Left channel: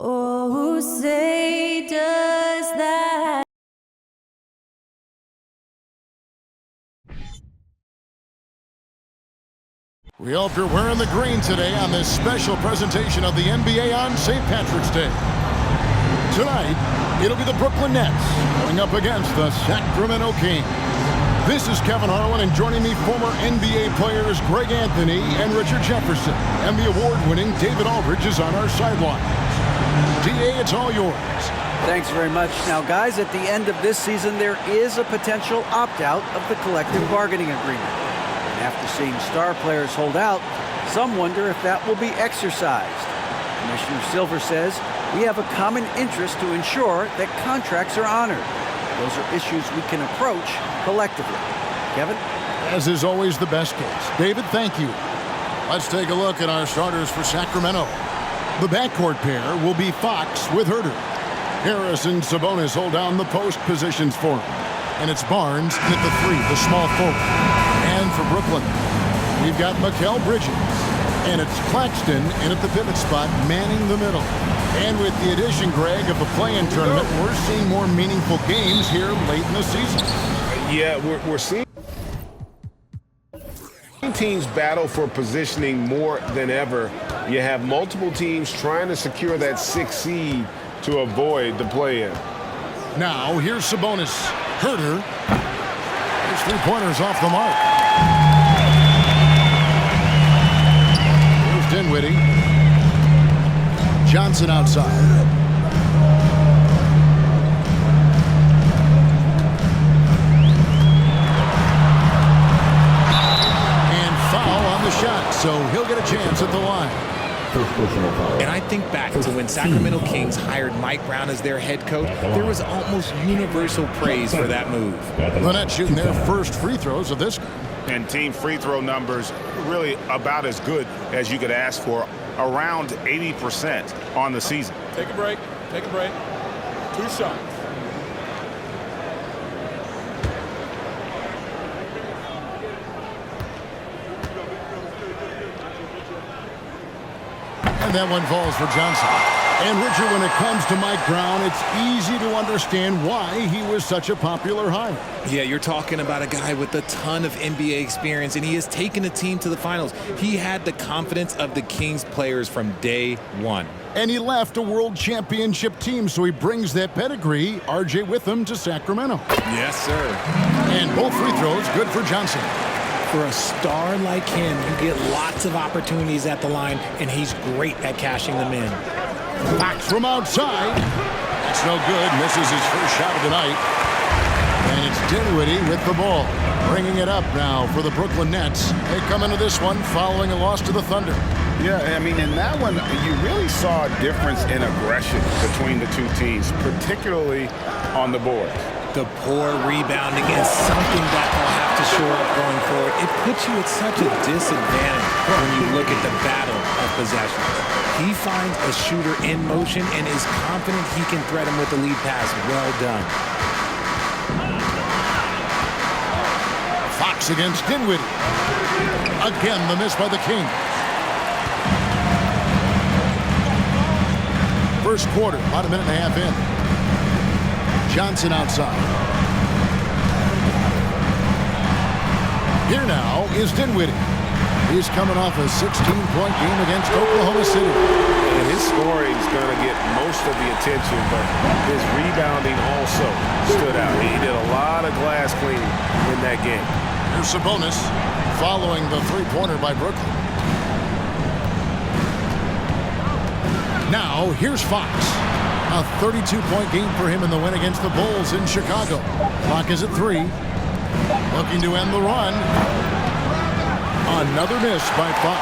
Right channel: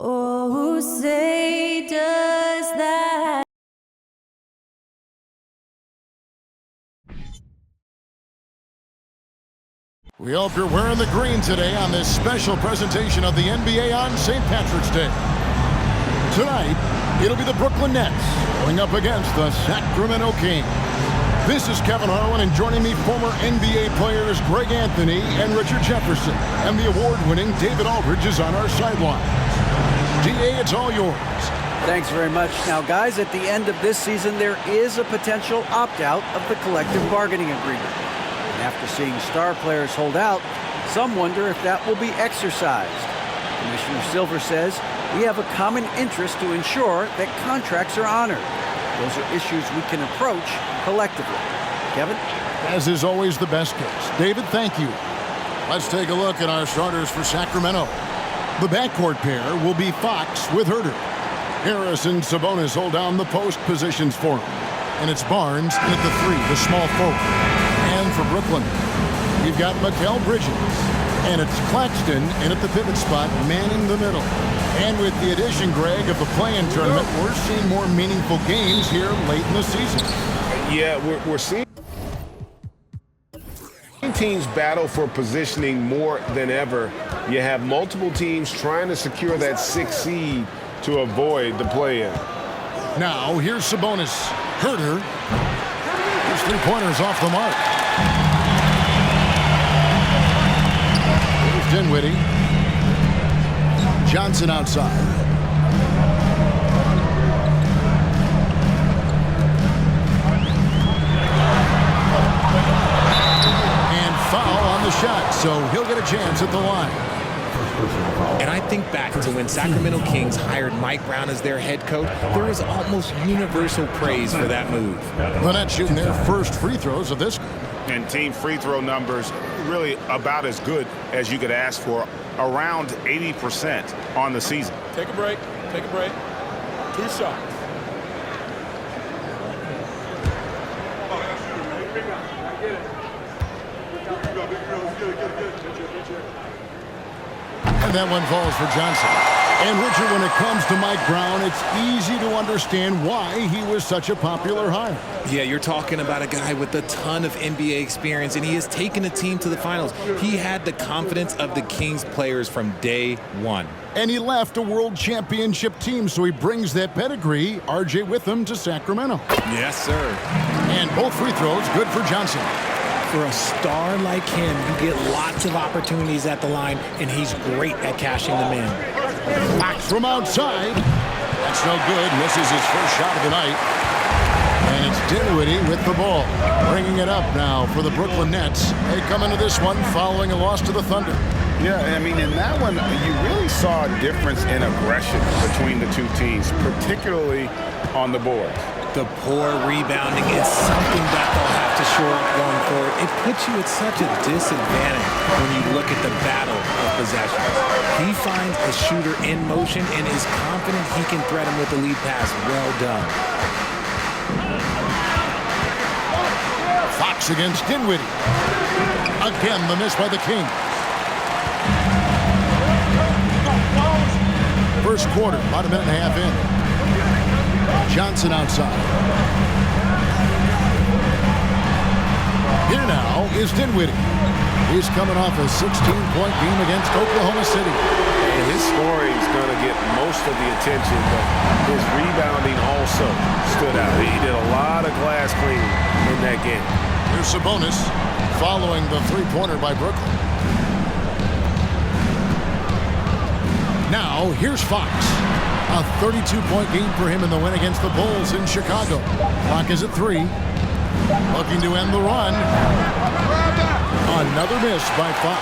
Oh, say does that. We hope you're wearing the green today on this special presentation of the NBA on St. Patrick's Day. Tonight, it'll be the Brooklyn Nets going up against the Sacramento Kings. This is Kevin Harlan, and joining me, former NBA players Greg Anthony and Richard Jefferson. And the award-winning David Aldridge is on our sidelines. DA, it's all yours. Thanks very much. Now, guys, at the end of this season, there is a potential opt-out of the collective bargaining agreement. And after seeing star players hold out, some wonder if that will be exercised. Commissioner Silver says we have a common interest to ensure that contracts are honored. Those are issues we can approach collectively. Kevin? As is always the best case. David, thank you. Let's take a look at our starters for Sacramento. The backcourt pair will be Fox with Huerter. Harris and Sabonis hold down the post positions for him. And it's Barnes in at the three, the small forward. And for Brooklyn, we've got Mikal Bridges. And it's Claxton in at the pivot spot, manning the middle. And with the addition, Greg, of the play-in tournament, we're seeing more meaningful games here late in the season. Yeah, we're seeing teams battle for positioning more than ever. You have multiple teams trying to secure that 6th seed to avoid the play-in. Now, here's Sabonis. Huerter. His three-pointers off the mark. Here's Dinwiddie. Johnson outside. And foul on the shot, so he'll get a chance at the line. And I think back to when Sacramento Kings hired Mike Brown as their head coach, there was almost universal praise for that move. The Nets shooting their first free throws of this game. And team free throw numbers really about as good as you could ask for, around 80% on the season. Take a break. Take a break. 2 shots. And that one falls for Johnson. And Richard, when it comes to Mike Brown, it's easy to understand why he was such a popular hire. Yeah, you're talking about a guy with a ton of NBA experience, and he has taken a team to the finals. He had the confidence of the Kings players from day one. And he left a world championship team, so he brings that pedigree, RJ, with him to Sacramento. Yes, sir. And both free throws good for Johnson. For a star like him, you get lots of opportunities at the line, and he's great at cashing them in. Fox from outside. That's no good. Misses his first shot of the night. And it's Dinwiddie with the ball. Bringing it up now for the Brooklyn Nets. They come into this one following a loss to the Thunder. Yeah, I mean, in that one, you really saw a difference in aggression between the two teams, particularly on the boards. The poor rebounding is something that they'll have to shore up going forward. It puts you at such a disadvantage when you look at the battle of possessions. He finds a shooter in motion and is confident he can thread him with the lead pass. Well done. Fox against Dinwiddie. Again, the miss by the Kings. First quarter, about a minute and a half in. Johnson outside. Here now is Dinwiddie. He's coming off a 16-point game against Oklahoma City. And his scoring is going to get most of the attention, but his rebounding also stood out. He did a lot of glass cleaning in that game. Here's Sabonis following the three-pointer by Brooklyn. Now, here's Fox. A 32-point game for him in the win against the Bulls in Chicago. Clock is at 3. Looking to end the run. Another miss by Fox.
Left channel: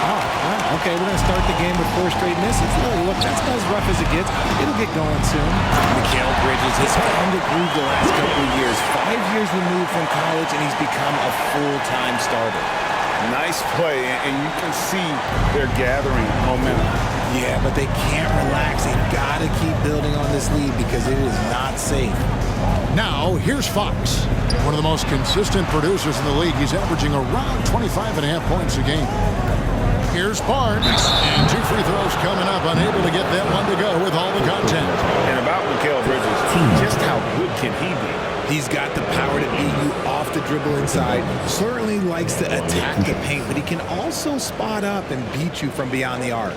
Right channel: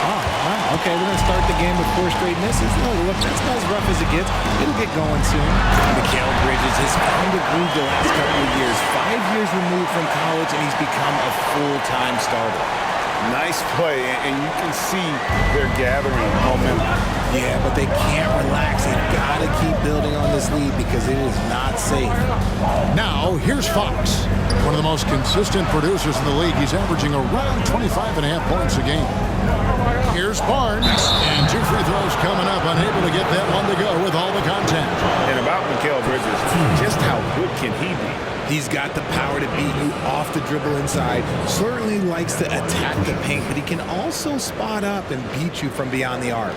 Oh, wow. Okay, we're going to start the game with 4 straight misses. Look, that's about as rough as it gets. It'll get going soon. Mikal Bridges has found a groove the last couple of years. 5 years removed from college, and he's become a full-time starter. Nice play, and you can see they're gathering momentum. Yeah, but they can't relax. They've got to keep building on this lead because it is not safe. Now, here's Fox. One of the most consistent producers in the league. He's averaging around 25.5 points a game. Here's Barnes, and 2 free throws coming up, unable to get that one to go with all the contact. And about Mikal Bridges, just how good can he be? He's got the power to beat you off the dribble inside. Certainly likes to attack the paint, but he can also spot up and beat you from beyond the arc.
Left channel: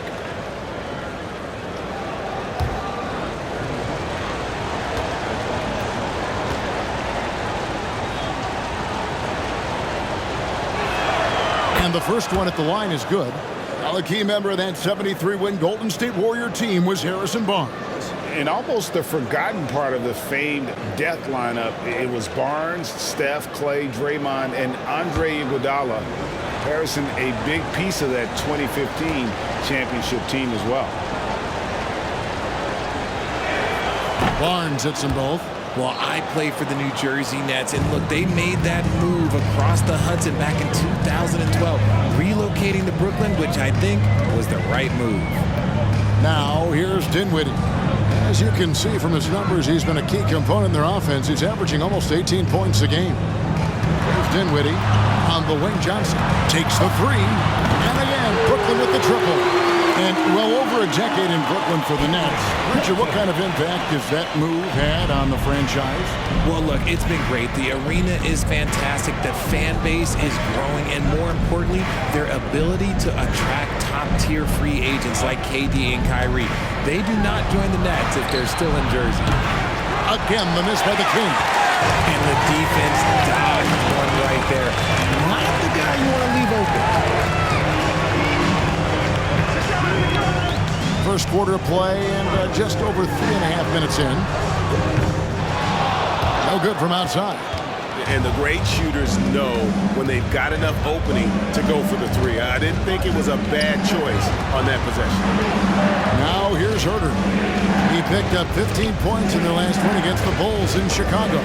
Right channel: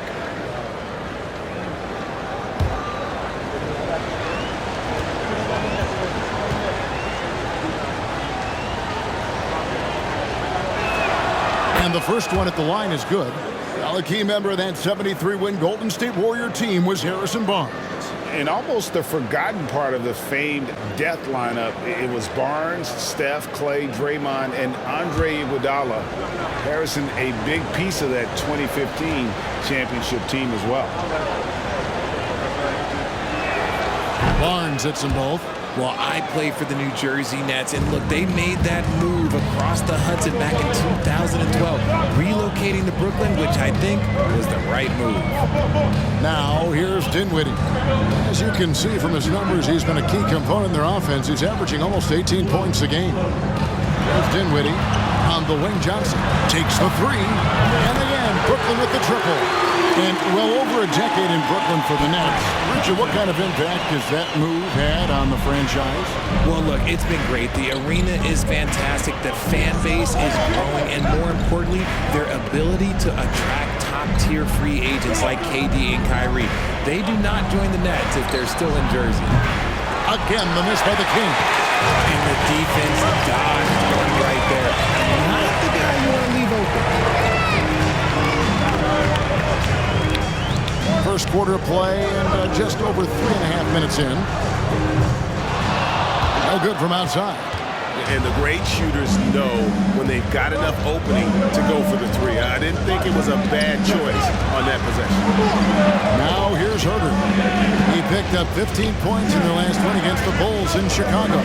And the first one at the line is good. Now, a key member of that 73-win Golden State Warrior team was Harrison Barnes. And almost the forgotten part of the famed death lineup, it was Barnes, Steph, Clay, Draymond, and Andre Iguodala. Harrison, a big piece of that 2015 championship team as well. Barnes hits them both. Well, I play for the New Jersey Nets, and look, they made that move across the Hudson back in 2012, relocating to Brooklyn, which I think was the right move. Now, here's Dinwiddie. As you can see from his numbers, he's been a key component in their offense. He's averaging almost 18 points a game. Here's Dinwiddie on the wing. Johnson takes the three, and again, Brooklyn with the triple. And well over a decade in Brooklyn for the Nets. Richard, what kind of impact has that move had on the franchise? Well, look, it's been great. The arena is fantastic. The fan base is growing. And more importantly, their ability to attract top-tier free agents like KD and Kyrie. They do not join the Nets if they're still in Jersey. Again, the miss by the Kings. And the defense dodged one right there. Not the guy you want to leave open. First quarter of play and just over 3.5 minutes in. No good from outside. And the great shooters know when they've got enough opening to go for the three. I didn't think it was a bad choice on that possession. Now here's Herter. He picked up 15 points in their last win against the Bulls in Chicago.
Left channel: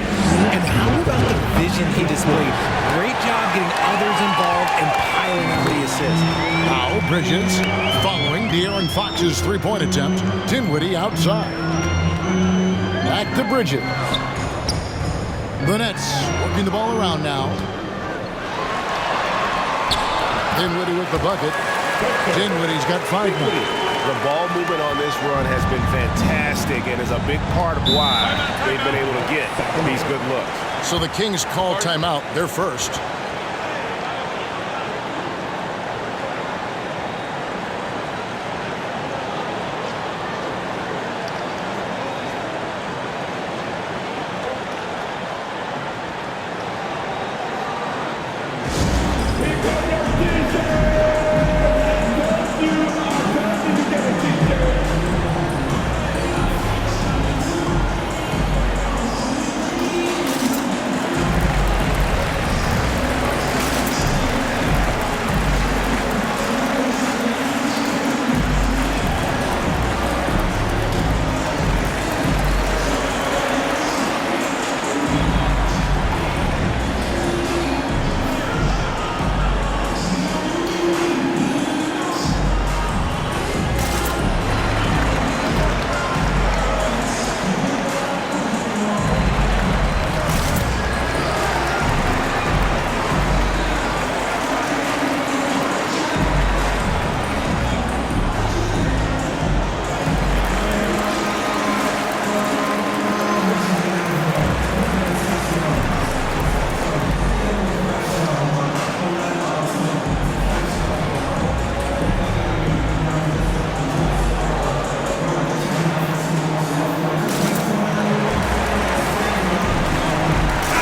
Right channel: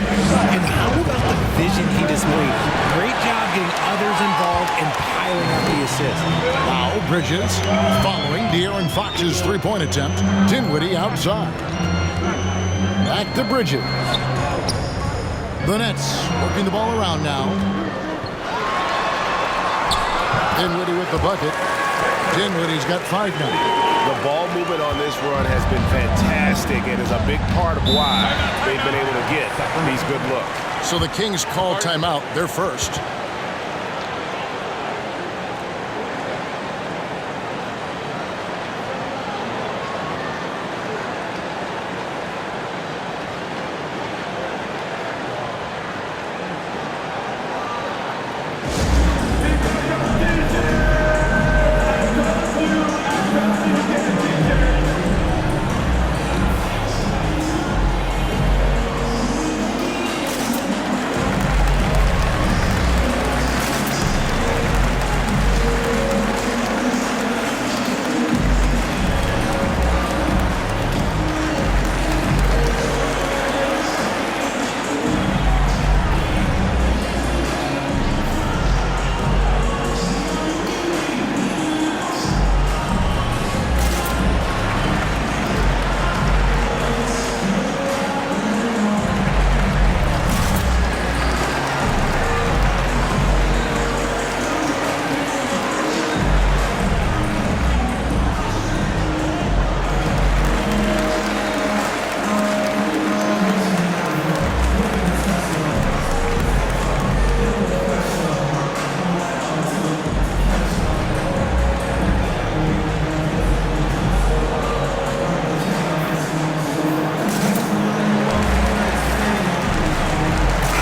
And how about the vision he displayed? Great job getting others involved and piling up the assist. Now Bridges following De'Aaron Fox's three-point attempt. Dinwiddie outside. Back to Bridges. The Nets working the ball around now. Dinwiddie with the bucket. Dinwiddie's got 5 now. The ball movement on this run has been fantastic and is a big part of why they've been able to get these good looks. So the Kings call timeout. They're first.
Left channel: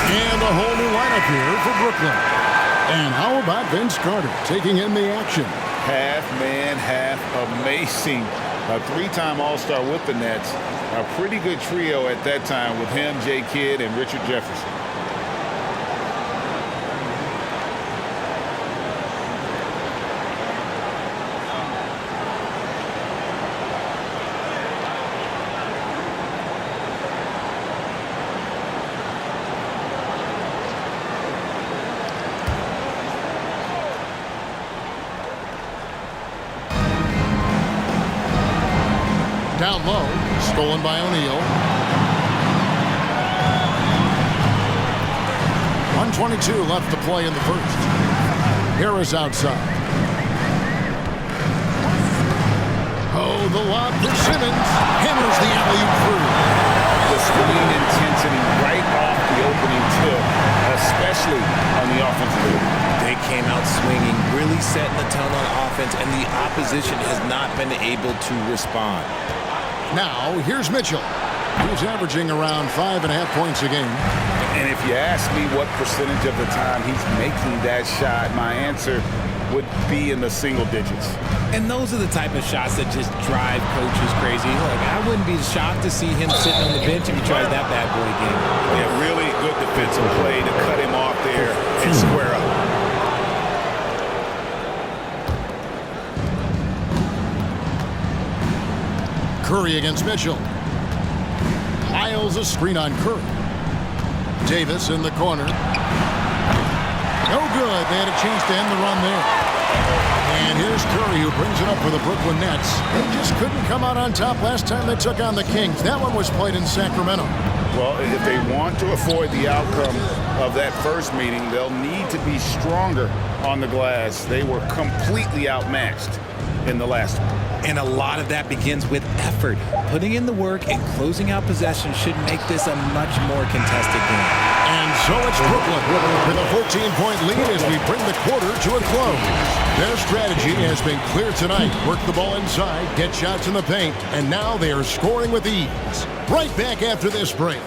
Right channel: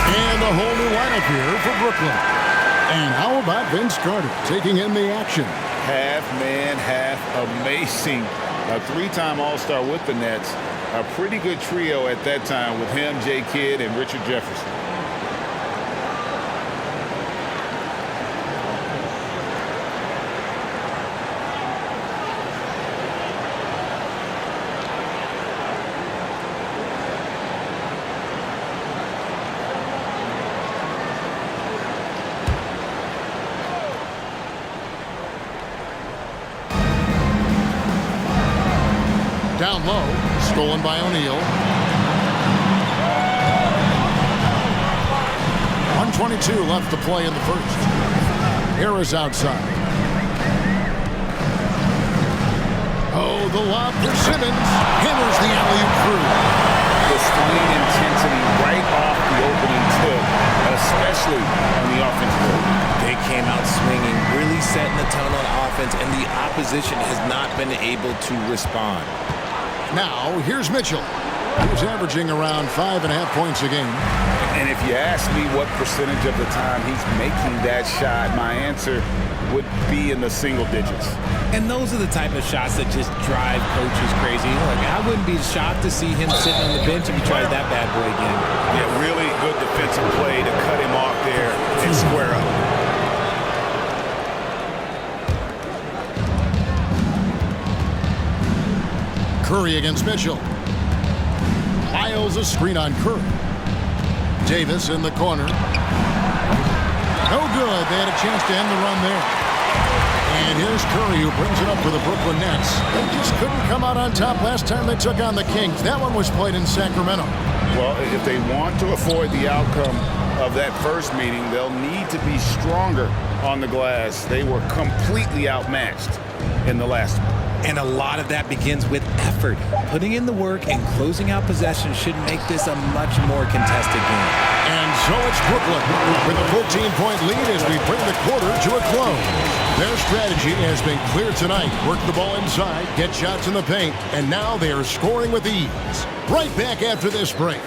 And a whole new lineup here for Brooklyn. And how about Vince Carter taking in the action? Half man, half amazing. A 3-time All-Star with the Nets. A pretty good trio at that time with him, Jay Kidd, and Richard Jefferson. Down low, stolen by O'Neal. 1:22 left to play in the first. Harris outside. Oh, the lob for Simmons. Hammers the alley-oop through. Displaying intensity right off the opening tip, especially on the offensive end. They came out swinging, really setting the tone on offense, and the opposition has not been able to respond. Now, here's Mitchell. He's averaging around 5.5 points a game. And if you ask me what percentage of the time he's making that shot, my answer would be in the single digits. And those are the type of shots that just drive coaches crazy. Look, I wouldn't be shocked to see him sitting on the bench if he tries that bad boy again. Yeah, really good defensive play to cut him off there and square up. Curry against Mitchell. Piles a screen on Curry. Davis in the corner. No good. They had a chance to end the run there. And here's Curry, who brings it up for the Brooklyn Nets. They just couldn't come out on top last time they took on the Kings. That one was played in Sacramento. Well, if they want to avoid the outcome of that first meeting, they'll need to be stronger on the glass. They were completely outmatched in the last one. And a lot of that begins with effort. Putting in the work and closing out possessions should make this a much more contested game. And so it's Brooklyn with a 14-point lead as we bring the quarter to a close. Their strategy has been clear tonight. Work the ball inside, get shots in the paint, and now they are scoring with ease. Right back after this break.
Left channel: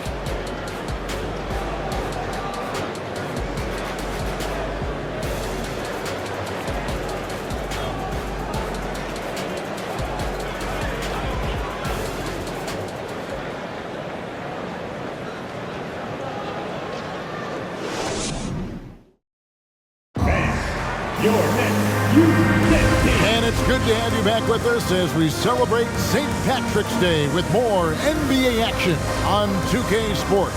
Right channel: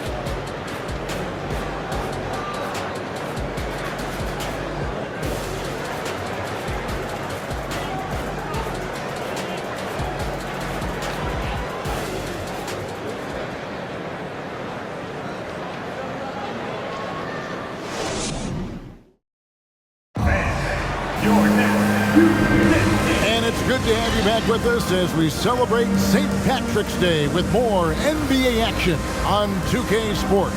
And it's good to have you back with us as we celebrate St. Patrick's Day with more NBA action on 2K Sports.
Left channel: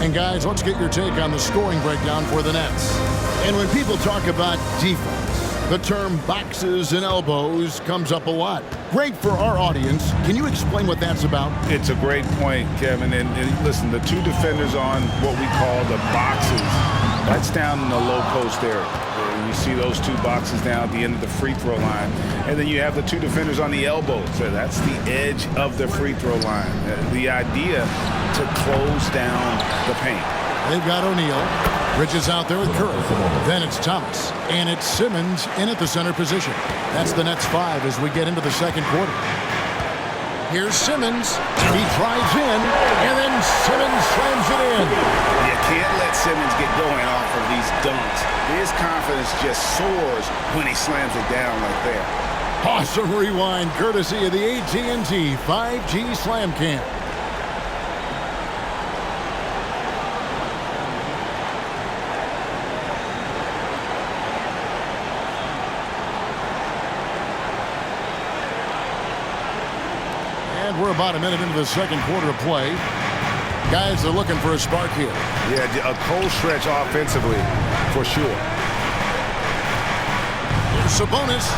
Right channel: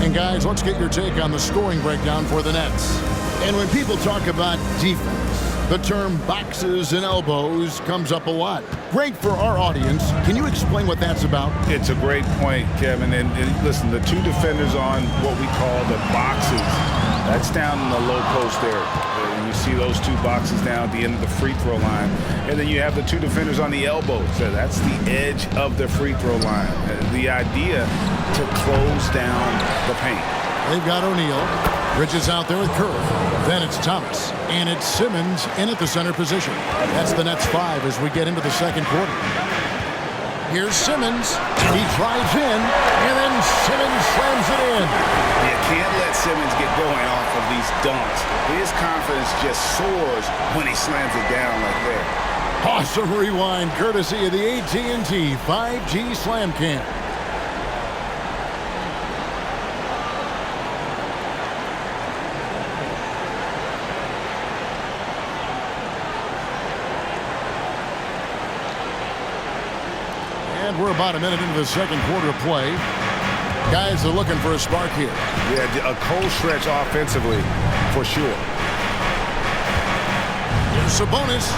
And guys, let's get your take on the scoring breakdown for the Nets. And when people talk about defense, the term boxes and elbows comes up a lot. Great for our audience. Can you explain what that's about? It's a great point, Kevin. And listen, the two defenders on what we call the boxes, that's down in the low post area. You see those two boxes down at the end of the free throw line. And then you have the two defenders on the elbows. So that's the edge of the free throw line. The idea to close down the paint. They've got O'Neal. Bridges out there with Curry. Then it's Thomas. And it's Simmons in at the center position. That's the Nets 5 as we get into the second quarter. Here's Simmons. He drives in, and then Simmons slams it in. You can't let Simmons get going off of these dunks. His confidence just soars when he slams it down like that. Awesome rewind courtesy of the AT&T 5G Slam Cam. And we're about a minute into the second quarter of play. Guys are looking for a spark here. Yeah, a cold stretch offensively for sure. Here's Sabonis.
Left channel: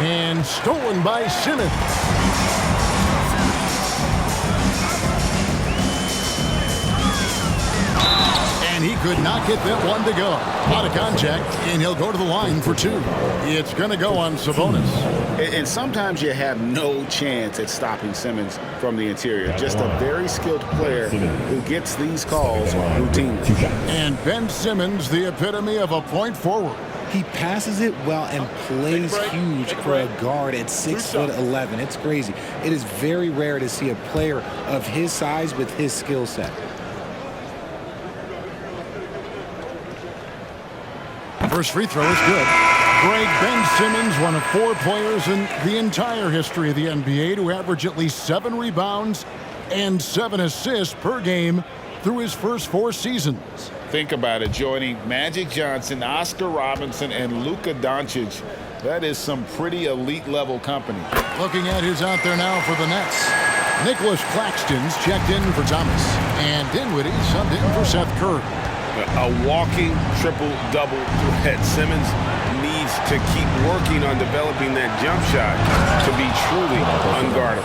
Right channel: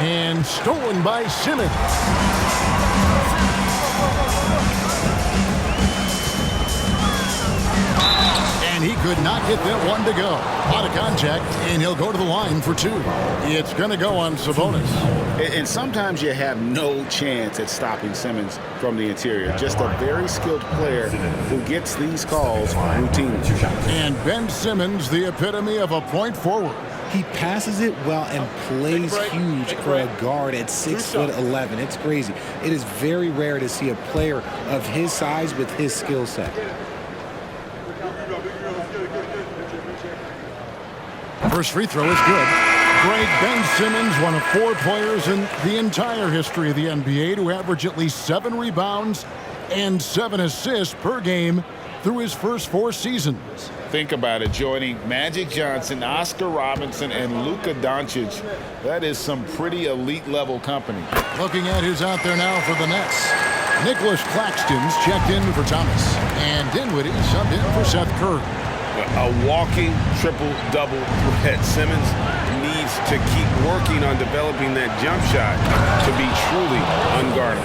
And stolen by Simmons. And he could not get that one to go. A lot of contact, and he'll go to the line for two. It's going to go on Sabonis. And sometimes you have no chance at stopping Simmons from the interior. Just a very skilled player who gets these calls routinely. And Ben Simmons, the epitome of a point forward. He passes it well and plays huge for a guard at 6'11". It's crazy. It is very rare to see a player of his size with his skill set. First free throw is good. Greg, Ben Simmons, one of 4 players in the entire history of the NBA to average at least 7 rebounds and 7 assists per game through his first 4 seasons. Think about it, joining Magic Johnson, Oscar Robinson, and Luka Doncic. That is some pretty elite level company. Looking at who's out there now for the Nets. Nicholas Claxton's checked in for Thomas. And Dinwiddie subbed in for Seth Curry. A walking triple-double threat. Simmons needs to keep working on developing that jump shot to be truly unguardable.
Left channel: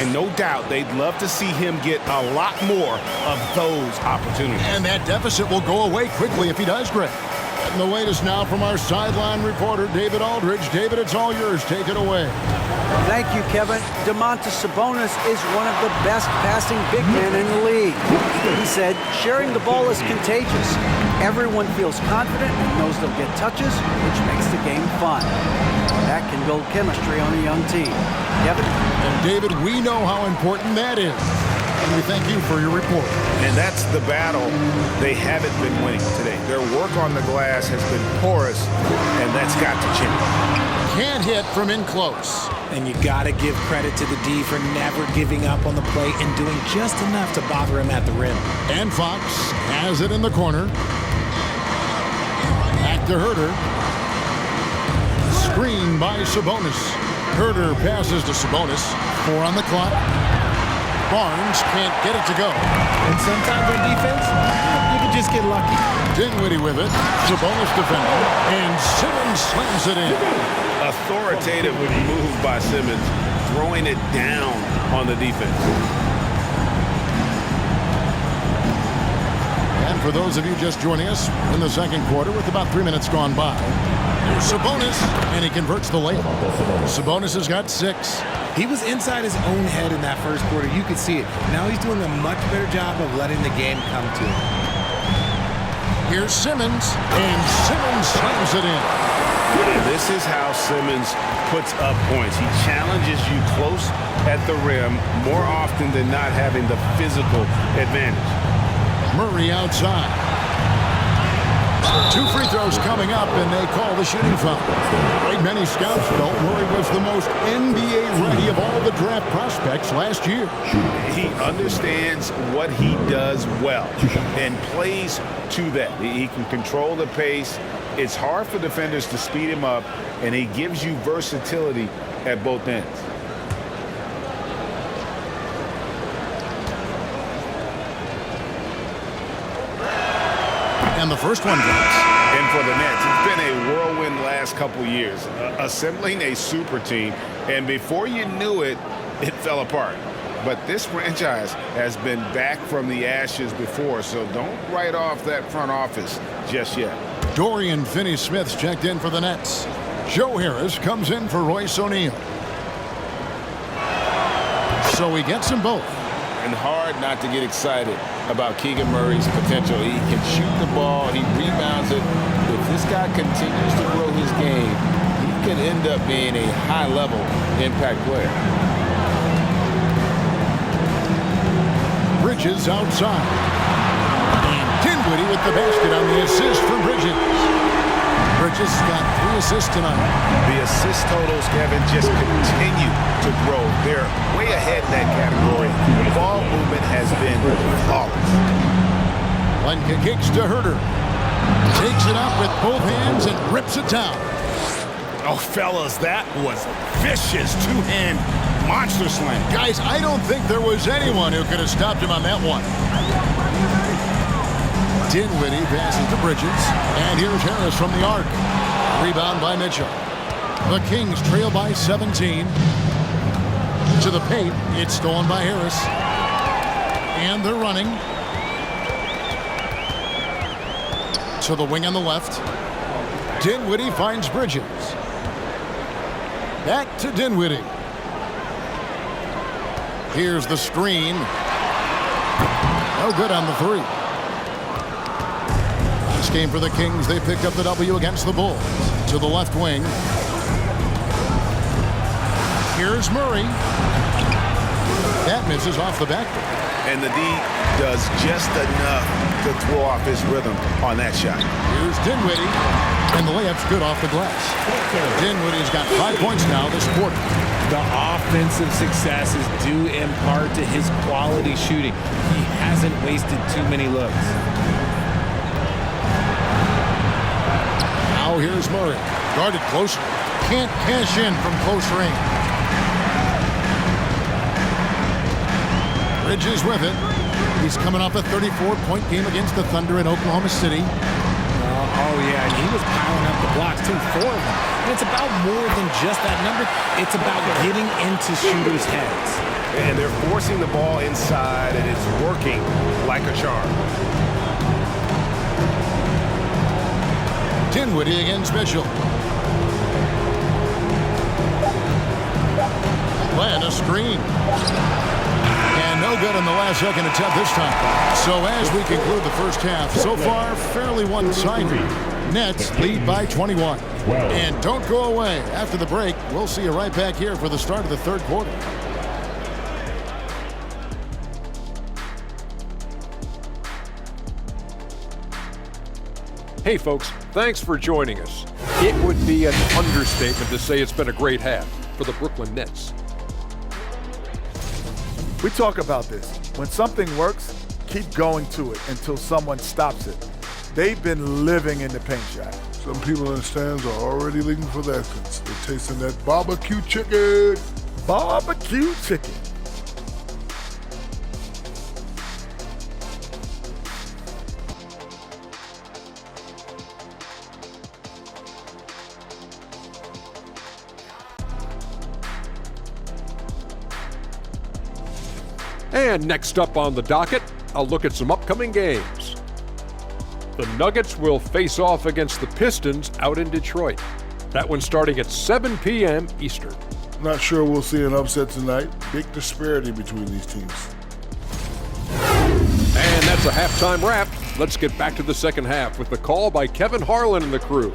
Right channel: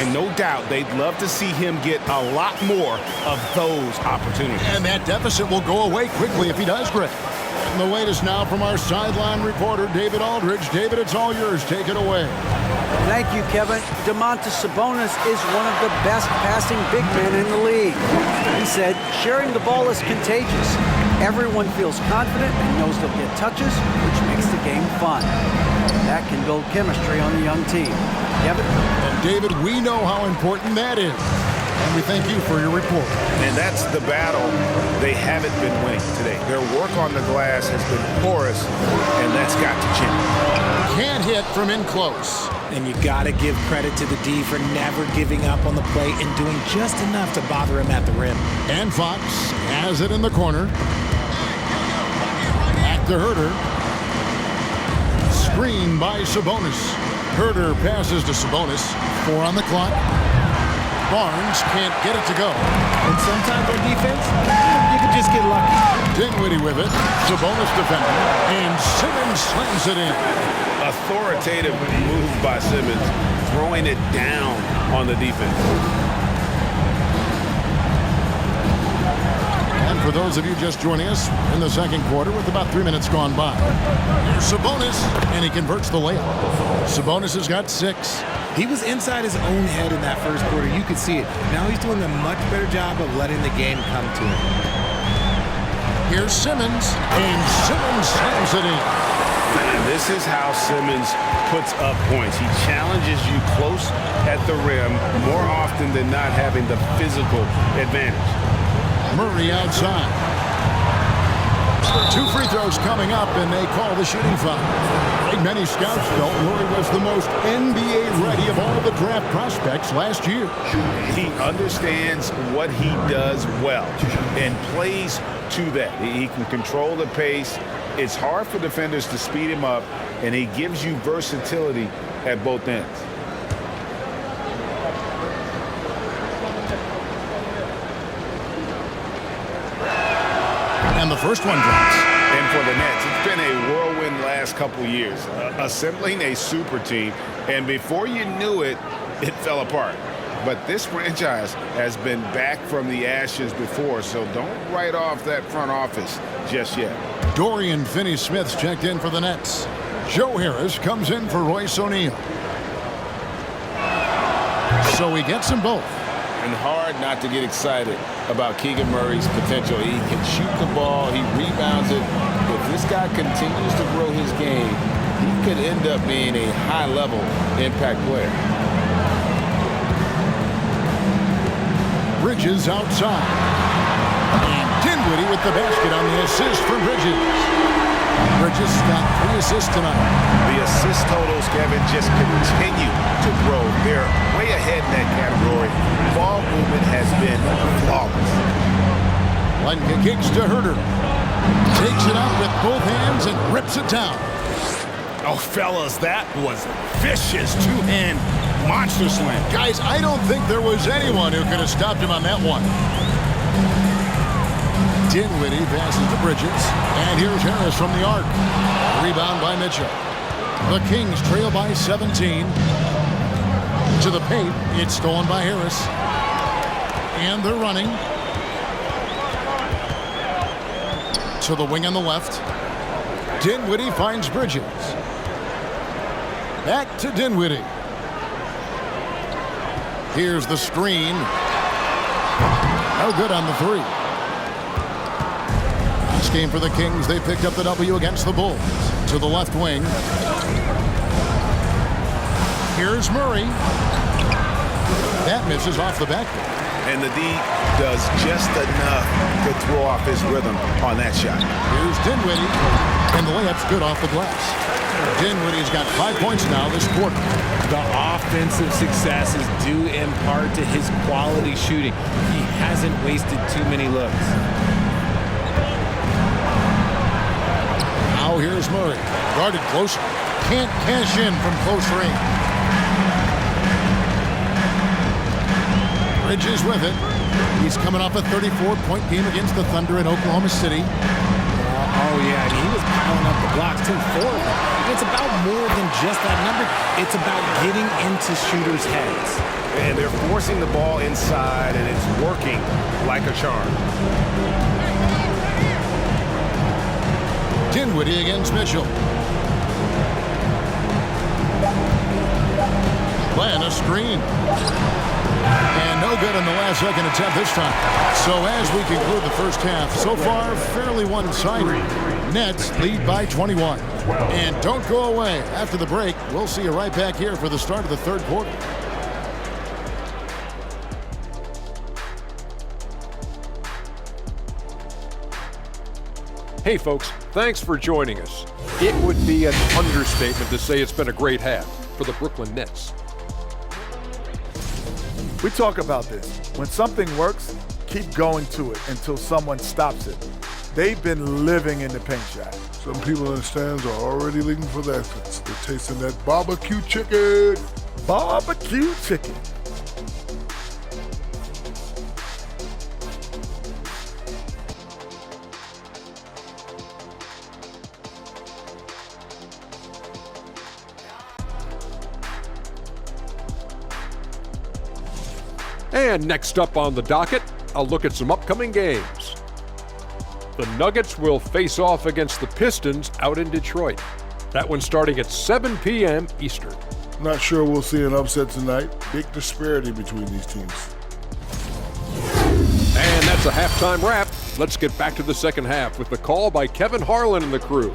And no doubt they'd love to see him get a lot more of those opportunities. And that deficit will go away quickly if he does, Greg. And the latest now from our sideline reporter, David Aldridge. David, it's all yours. Take it away. Thank you, Kevin. Domantas Sabonis is one of the best passing big men in the league. He said, sharing the ball is contagious. Everyone feels confident and knows they'll get touches, which makes the game fun. That can build chemistry on a young team. Kevin? And David, we know how important that is. And we thank you for your report. And that's the battle they haven't been winning today. Their work on the glass has been porous, and that's got to change. Can't hit from in close. And you got to give credit to the D for never giving up on the play and doing just enough to bother him at the rim. And Fox has it in the corner. Back to Herter. Screen by Sabonis. Herter passes to Sabonis. 4 on the clock. Barnes can't get it to go. And sometimes on defense, you can just get lucky. Dinwiddie with it. Sabonis defending. And Simmons slams it in. Authoritative move by Simmons, throwing it down on the defense. And for those of you just joining us, in the second quarter with about 3 minutes gone by, here's Sabonis, and he converts the layup. Sabonis has got 6. He was inside his own head in that first quarter. You could see it. Now he's doing a much better job of letting the game come to him. Here's Simmons, and Simmons slams it in. And this is how Simmons puts up points. He challenges you close at the rim more often than not, having the physical advantage. Murray outside. 2 free throws coming up, and they call the shooting foul. Like many scouts felt, Murray was the most NBA-ready of all the draft prospects last year. He understands what he does well and plays to that. He can control the pace. It's hard for defenders to speed him up, and he gives you versatility at both ends. And the first one drops. And for the Nets, it's been a whirlwind last couple years, assembling a super team, and before you knew it, it fell apart. But this franchise has been back from the ashes before, so don't write off that front office just yet. Dorian Finney-Smith's checked in for the Nets. Joe Harris comes in for Royce O'Neal. So he gets them both. And hard not to get excited about Keegan Murray's potential. He can shoot the ball. He rebounds it. If this guy continues to grow his game, he could end up being a high-level impact player. Bridges outside. And Dinwiddie with the basket on the assist from Bridges. Bridges got 3 assists tonight. The assist totals, Kevin, just continue to grow. They're way ahead in that category. Ball movement has been flawless. Lenka kicks to Herter. Takes it up with both hands and rips it down. Oh, fellas, that was vicious two-hand monster slam. Guys, I don't think there was anyone who could have stopped him on that one. Dinwiddie passes to Bridges. And here's Harris from the arc. Rebound by Mitchell. The Kings trail by 17. To the paint. It's stolen by Harris. And they're running. To the wing on the left. Dinwiddie finds Bridges. Back to Dinwiddie. Here's the screen. No good on the 3. Last game for the Kings, they picked up the W against the Bulls. To the left wing. Here's Murray. That misses off the backboard. And the D does just enough to throw off his rhythm on that shot. Here's Dinwiddie. And the layup's good off the glass. Dinwiddie's got 5 points now this quarter. The offensive success is due in part to his quality shooting. He hasn't wasted too many looks. Now here's Murray. Guarded close. Can't cash in from close range. Bridges with it. He's coming off a 34-point game against the Thunder in Oklahoma City. Oh, yeah, and he was piling up the blocks, too, 4 of them. And it's about more than just that number. It's about getting into shooters' heads. And they're forcing the ball inside, and it's working like a charm. Dinwiddie against Mitchell. Playing a screen. And no good on the last second attempt this time. So as we conclude the first half, so far fairly one-sided. Nets lead by 21. And don't go away. After the break, we'll see you right back here for the start of the third quarter. Hey folks, thanks for joining us. It would be an understatement to say it's been a great half for the Brooklyn Nets. We talk about this. When something works, keep going to it until someone stops it. They've been living in the paint shot. Some people in the stands are already looking for the essence. They're tasting that barbecue chicken. Barbecue chicken. And next up on the docket, a look at some upcoming games. The Nuggets will face off against the Pistons out in Detroit. That one starting at 7 p.m. Eastern. Not sure we'll see an upset tonight. Big disparity between these teams. And that's a halftime wrap. Let's get back to the second half with the call by Kevin Harlan and the crew.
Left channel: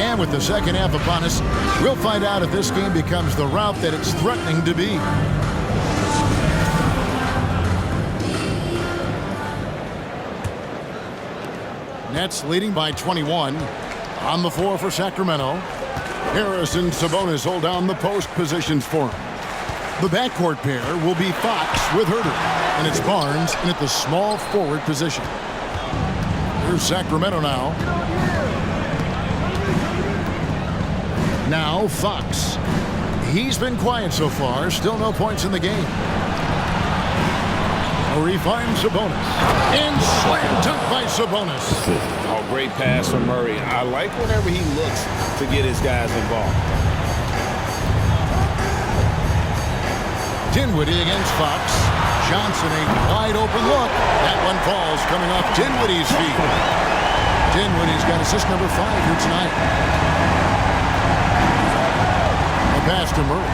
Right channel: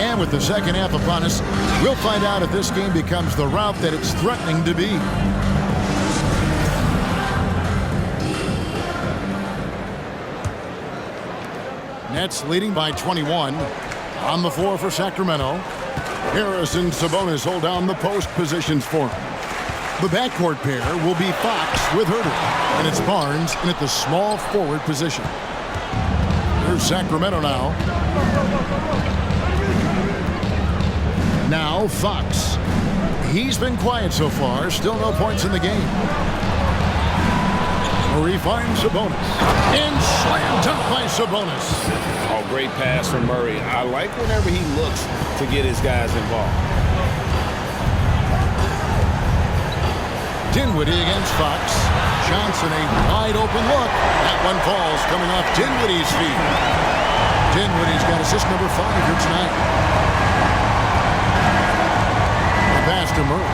And with the second half upon us, we'll find out if this game becomes the rout that it's threatening to be. Nets leading by 21. On the floor for Sacramento. Harris and Sabonis hold down the post positions for him. The backcourt pair will be Fox with Huerter, and it's Barnes in at the small forward position. Here's Sacramento now. Now Fox. He's been quiet so far. Still no points in the game. Murray finds Sabonis. And slam dunk by Sabonis. Oh, great pass from Murray. I like whenever he looks to get his guys involved. Dinwiddie against Fox. Johnson a wide open look. That one falls coming off Dinwiddie's feet. Dinwiddie's got assist number 5 here tonight. Pass to Murray.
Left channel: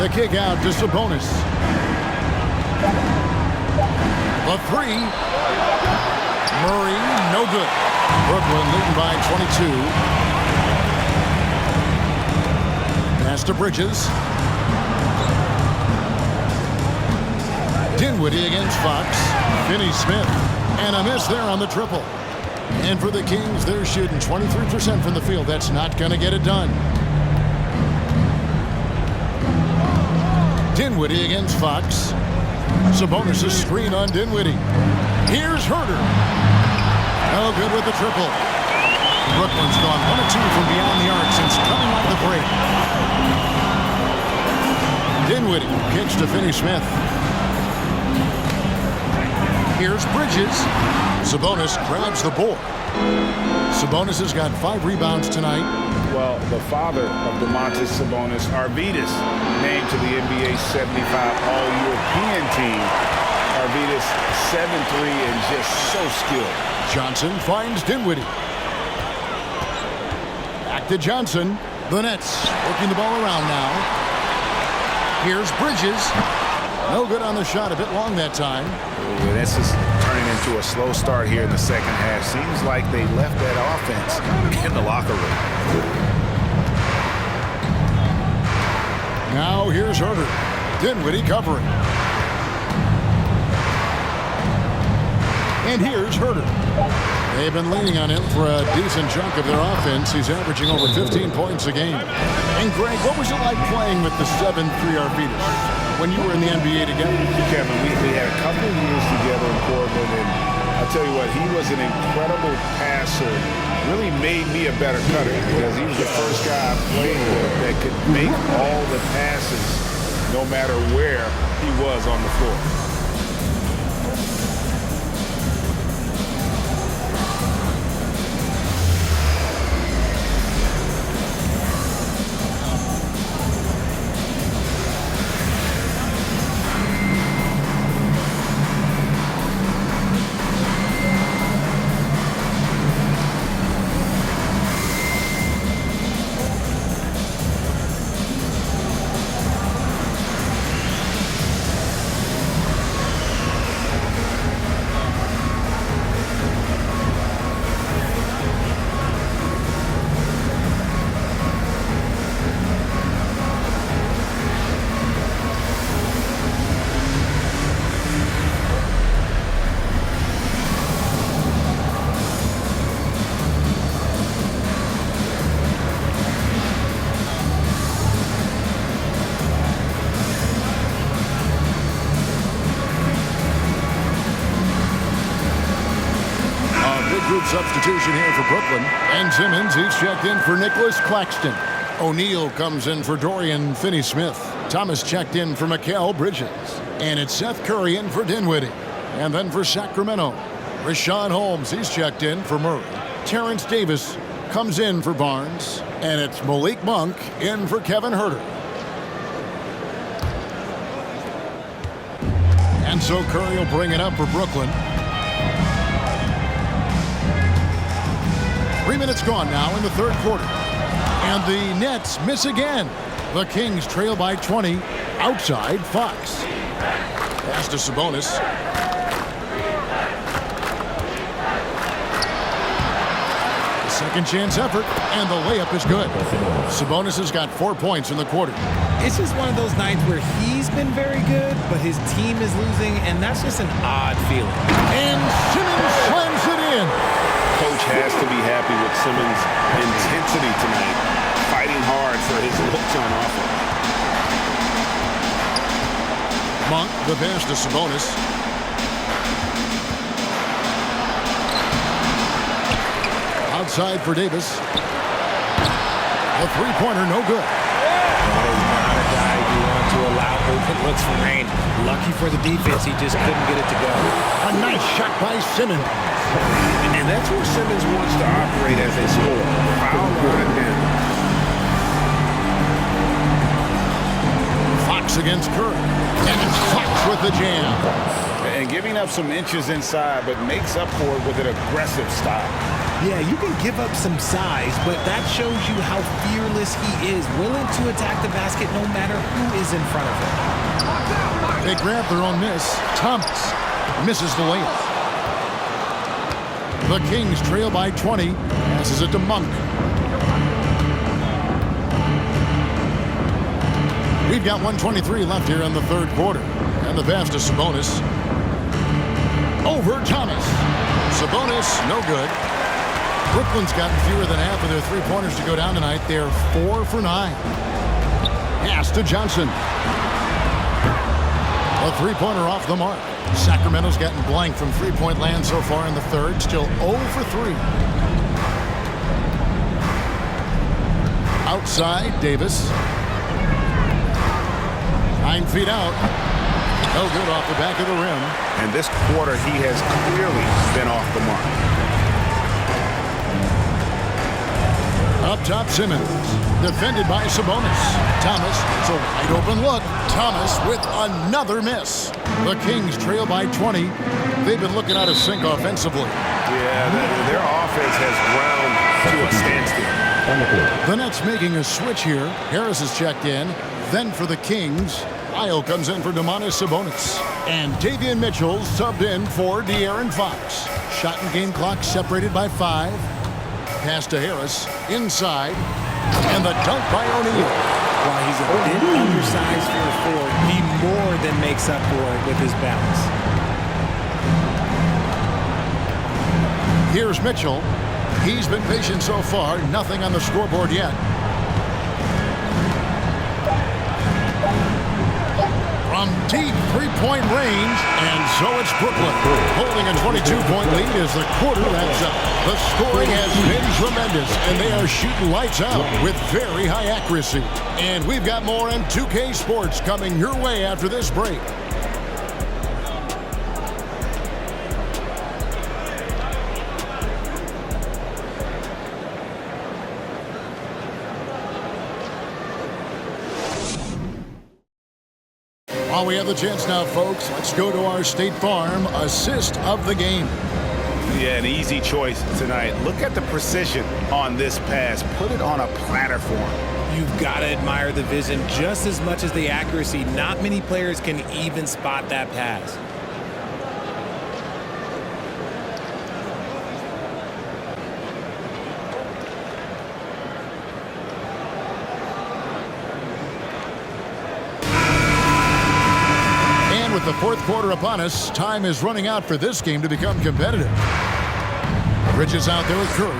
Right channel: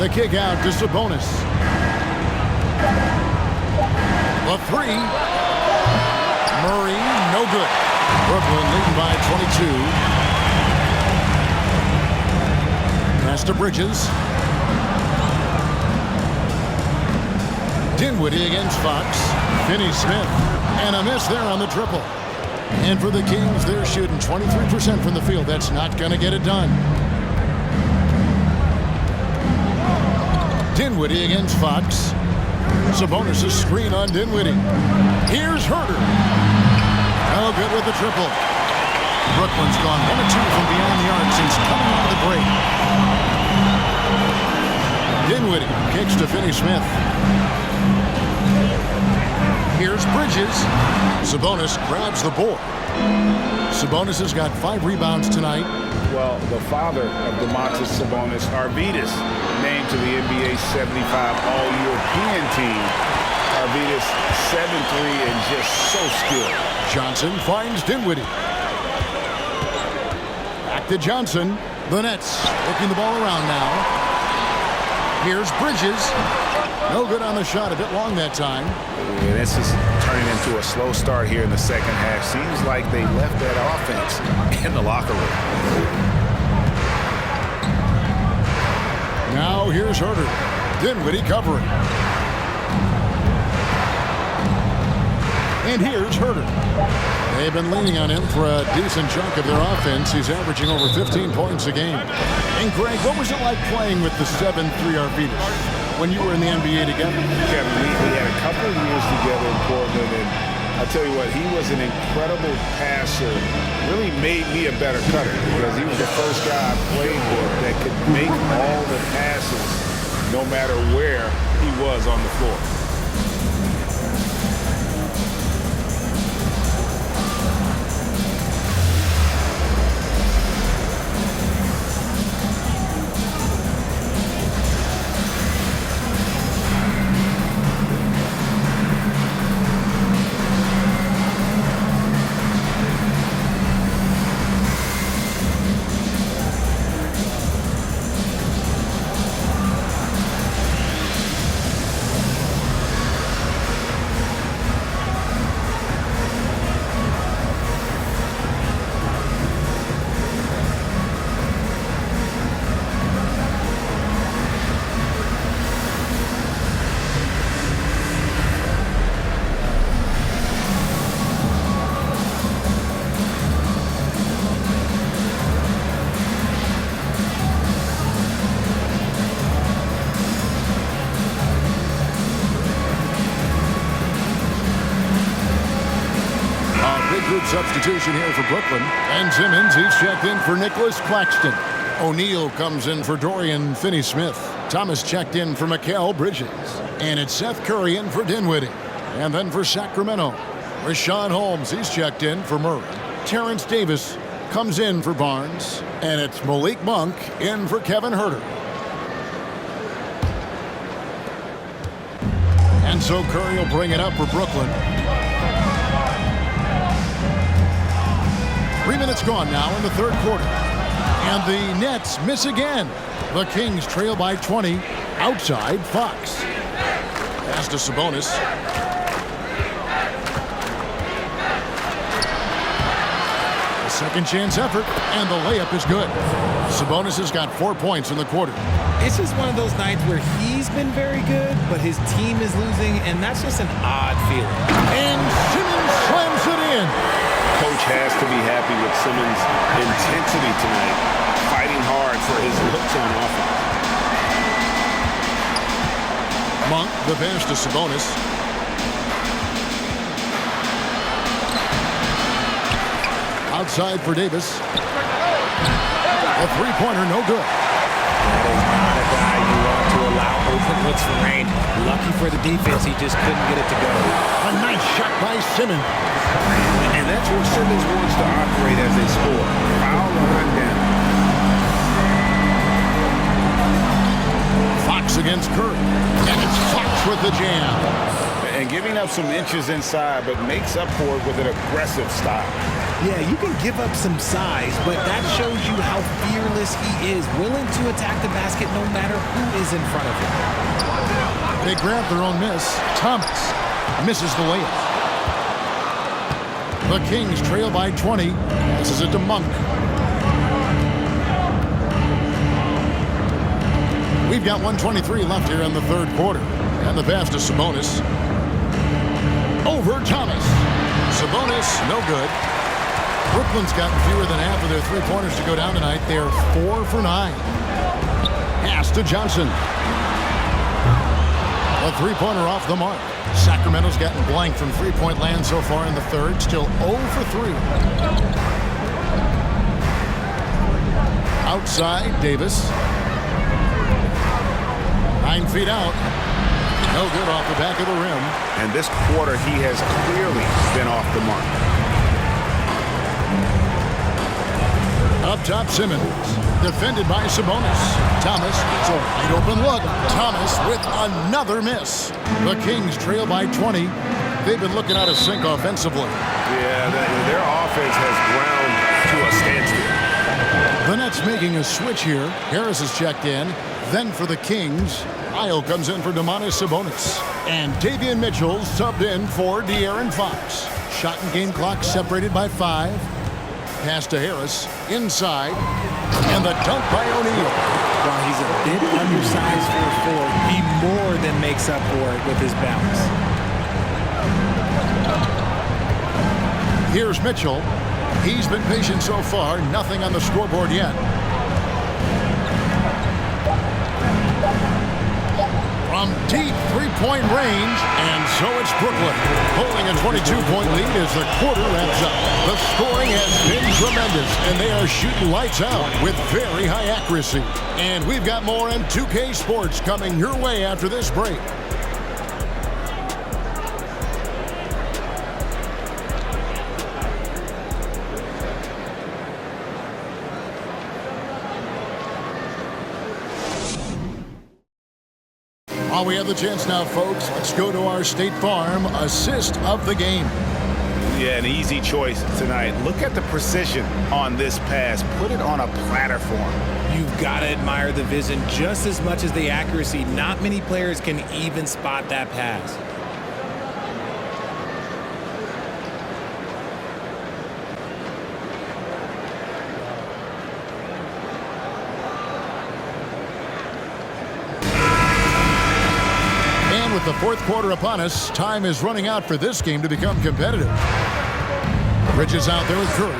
The kick out to Sabonis. The 3. Murray, no good. Brooklyn leading by 22. Pass to Bridges. Dinwiddie against Fox. Finney-Smith. And a miss there on the triple. And for the Kings, they're shooting 23% from the field. That's not going to get it done. Dinwiddie against Fox. Sabonis' screen on Dinwiddie. Here's Huerter. No good with the triple. Brooklyn's gone 1 of 2 from beyond the arc since coming out of the break. Dinwiddie kicks to Finney-Smith. Here's Bridges. Sabonis grabs the board. Sabonis has got 5 rebounds tonight. Well, the father of Domantas Sabonis, Arvydas, named to the NBA 75 All-European team. Arvydas 7'3" and just so skilled. Johnson finds Dinwiddie. Back to Johnson. The Nets working the ball around now. Here's Bridges. No good on the shot, a bit long that time. Ooh, this is turning into a slow start here in the second half. Seems like they left that offense in the locker room. Now here's Huerter. Dinwiddie covering. And here's Huerter. They've been leaning on him for a decent chunk of their offense. He's averaging over 15 points a game. And Greg, what was it like playing with the 7'3" Arvydas when you were in the NBA together? Kevin, we had a couple of years together in Portland, and I'll tell you what, he was an incredible passer. Really made me a better cutter because he was the first guy I played with that could make all the passes no matter where he was on the floor. big group substitution here for Brooklyn. Ben Simmons, he's checked in for Nicholas Claxton. O'Neal comes in for Dorian Finney-Smith. Thomas checked in for Mikal Bridges. And it's Seth Curry in for Dinwiddie. And then for Sacramento, Rashawn Holmes, he's checked in for Murray. Terrence Davis comes in for Barnes. And it's Malik Monk in for Kevin Huerter. And so Curry will bring it up for Brooklyn. 3 minutes gone now in the third quarter. And the Nets miss again. The Kings trail by 20 outside Fox. Pass to Sabonis. A second chance effort, and the layup is good. Sabonis has got 4 points in the quarter. It's just one of those nights where he's been very good, but his team is losing, and that's just an odd feeling. And Simmons slams it in. Coach has to be happy with Simmons' intensity tonight, fighting hard for his looks on offense. Monk, the pass to Sabonis. Outside for Davis. A three-pointer, no good. That is not a guy you want to allow open looks from range. Lucky for the defense, he just couldn't get it to go. A nice shot by Simmons. And that's where Simmons wants to operate as a scorer. Foul line down. Fox against Curry. And it's Fox with the jam. And giving up some inches inside, but makes up for it with an aggressive style. Yeah, you can give up some size, but that shows you how fearless he is, willing to attack the basket no matter who is in front of him. They grab their own miss. Thomas misses the layup. The Kings trail by 20. Passes it to Monk. We've got 1:23 left here in the third quarter. And the pass to Sabonis. Over Thomas. Sabonis, no good. Brooklyn's gotten fewer than half of their three-pointers to go down tonight. They're 4 for 9. Pass to Johnson. A three-pointer off the mark. Sacramento's gotten blank from three-point land so far in the third. Still 0 for 3. Outside, Davis. 9 feet out. No good off the back of the rim. And this quarter, he has clearly been off the mark. Up top, Simmons. Defended by Sabonis. Thomas, it's a wide open look. Thomas with another miss. The Kings trail by 20. They've been looking out of sync offensively. Yeah, their offense has ground to a standstill. The Nets making a switch here. Harris is checked in. Then for the Kings, Lyle comes in for Domantas Sabonis. And Davion Mitchell subbed in for De'Aaron Fox. Shot and game clock separated by 5. Pass to Harris, inside, and the dunk by O'Neal. While he's a bit undersized for a forward, he more than makes up for it with his balance. Here's Mitchell. He's been patient so far, nothing on the scoreboard yet. From deep three-point range, and so it's Brooklyn, holding a 22-point lead as the quarter wraps up. The scoring has been tremendous, and they are shooting lights out with very high accuracy. And we've got more in 2K Sports coming your way after this break. While we have the chance now, folks, let's go to our State Farm assist of the game. Yeah, an easy choice tonight. Look at the precision on this pass. Put it on a platter for him. You've got to admire the vision just as much as the accuracy. Not many players can even spot that pass. And with the fourth quarter upon us, time is running out for this game to become competitive. Bridges out there with Curry.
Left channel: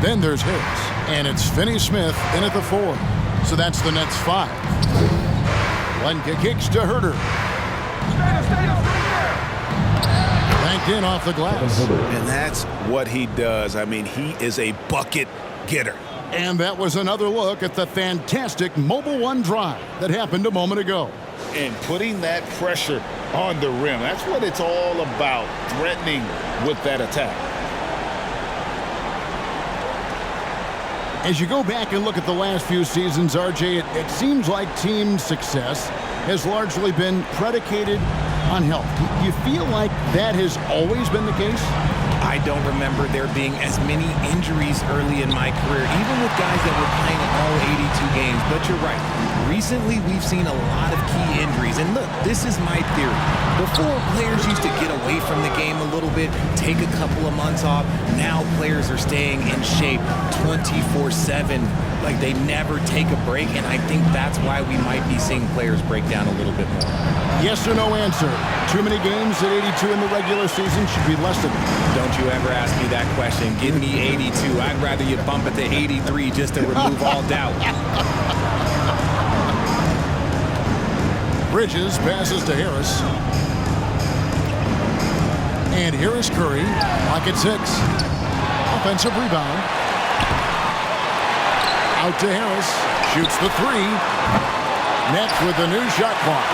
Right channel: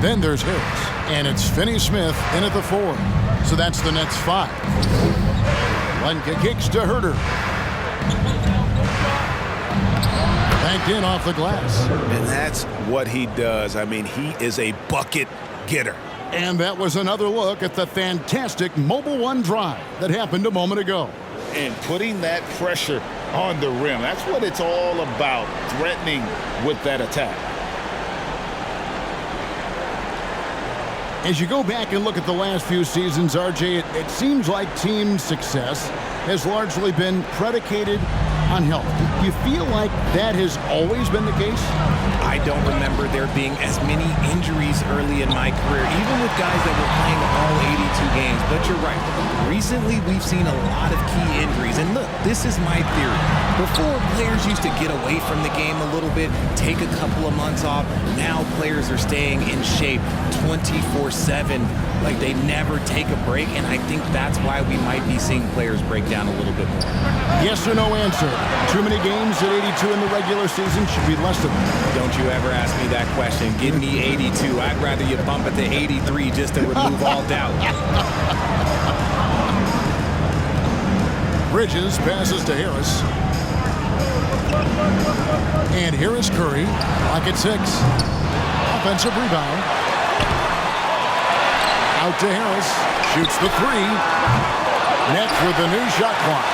Then there's Harris. And it's Finney-Smith in at the 4. So that's the Nets 5. Lenka kicks to Huerter. Banked in off the glass. And that's what he does. I mean, he is a bucket getter. And that was another look at the fantastic Mobile One drive that happened a moment ago. And putting that pressure on the rim. That's what it's all about, threatening with that attack. As you go back and look at the last few seasons, RJ, it seems like team success has largely been predicated on health. Do you feel like that has always been the case? I don't remember there being as many injuries early in my career, even with guys that were playing all 82 games. But you're right. Recently, we've seen a lot of key injuries. And look, this is my theory. Before, players used to get away from the game a little bit, take a couple of months off. Now players are staying in shape 24/7. Like they never take a break. And I think that's why we might be seeing players break down a little bit more. Yes or no answer. Too many games at 82 in the regular season should be less than that. Don't you ever ask me that question. Give me 82. I'd rather you bump it to 83 just to remove all doubt. Bridges passes to Harris. And here is Curry. Lock at 6. Offensive rebound. Out to Harris. Shoots the 3. Nets with the new shot clock.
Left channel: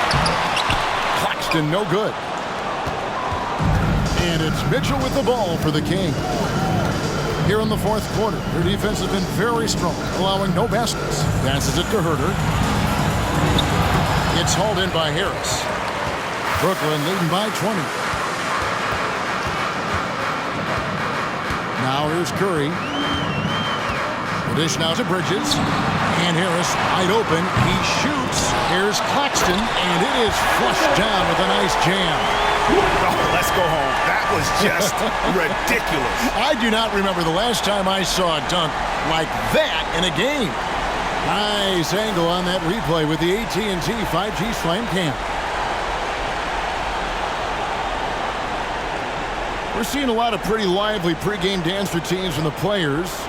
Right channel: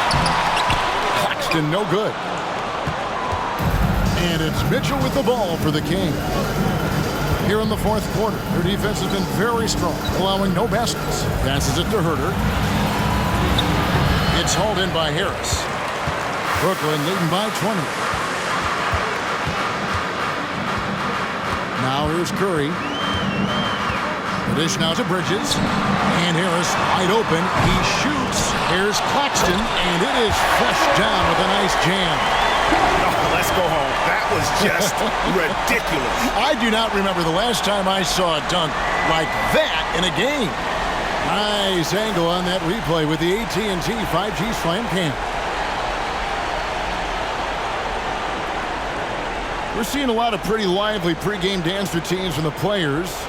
Claxton no good. And it's Mitchell with the ball for the King. Here in the fourth quarter, their defense has been very strong, allowing no baskets. Passes it to Herter. It's hauled in by Harris. Brooklyn leading by 20. Now here's Curry. The dish now to Bridges. And Harris wide open. He shoots. Here's Claxton. And it is flushed down with a nice jam. Oh, let's go home. That was just ridiculous. I do not remember the last time I saw a dunk like that in a game. Nice angle on that replay with the AT&T 5G Slam Cam. We're seeing a lot of pretty lively pregame dance routines from the players.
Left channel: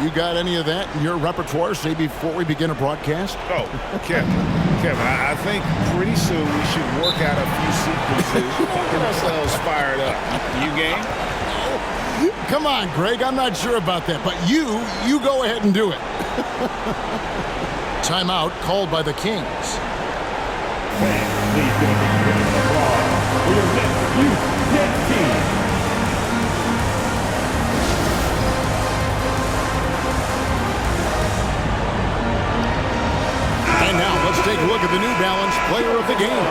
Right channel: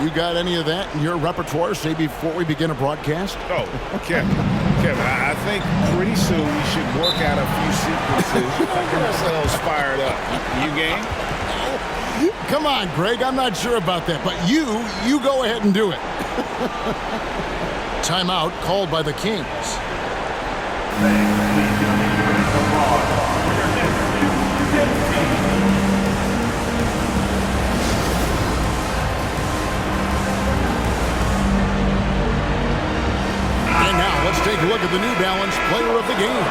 You got any of that in your repertoire, say, before we begin a broadcast? Oh, Kevin, I think pretty soon we should work out a few sequences. Get ourselves fired up. You game? Come on, Greg. I'm not sure about that, but you go ahead and do it. Timeout called by the Kings. And now let's take a look at the New Balance Player of the Game.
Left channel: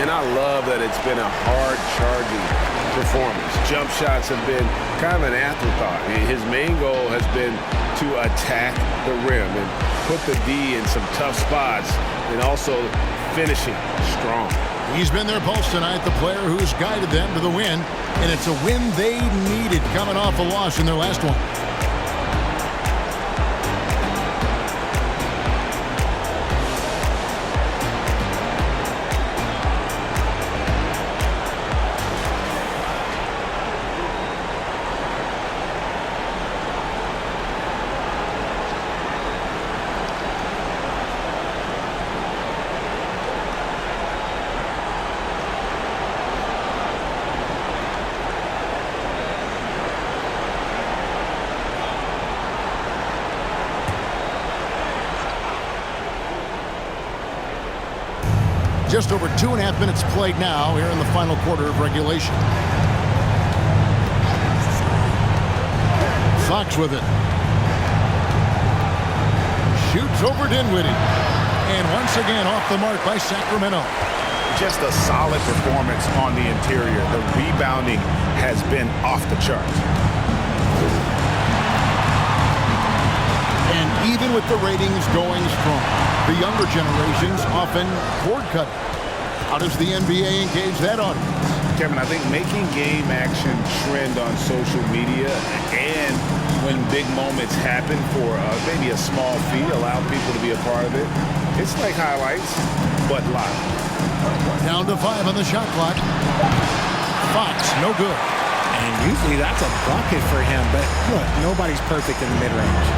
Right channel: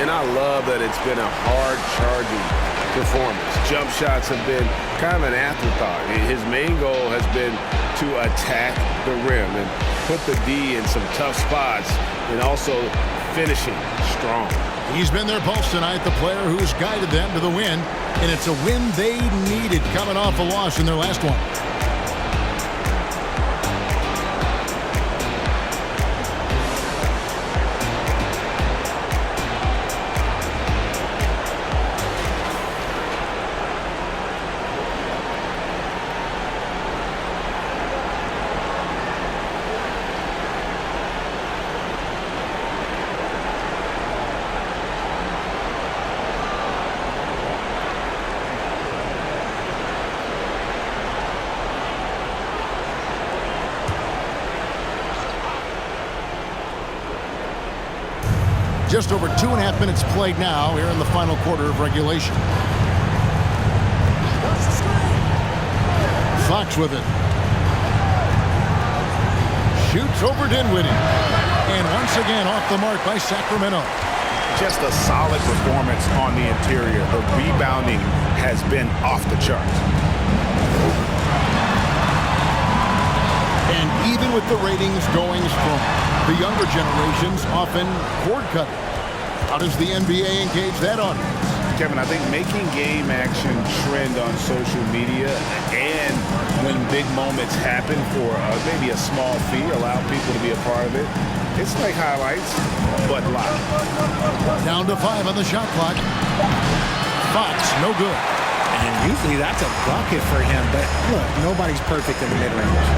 And I love that it's been a hard-charging performance. Jump shots have been kind of an afterthought. His main goal has been to attack the rim and put the D in some tough spots and also finishing strong. He's been their pulse tonight, the player who's guided them to the win, and it's a win they needed coming off a loss in their last one. Just over 2.5 minutes played now here in the final quarter of regulation. Fox with it. Shoots over Dinwiddie. And once again off the mark by Sacramento. Just a solid performance on the interior. The rebounding has been off the charts. And even with the ratings going strong, the younger generations often cord cutting. How does the NBA engage that audience? Kevin, I think making game action trend on social media and when big moments happen for maybe a small fee, allow people to be a part of it. It's like highlights, but live. Down to 5 on the shot clock. Fox, no good. And usually that's a bucket for him, but look, nobody's perfect in the mid-range.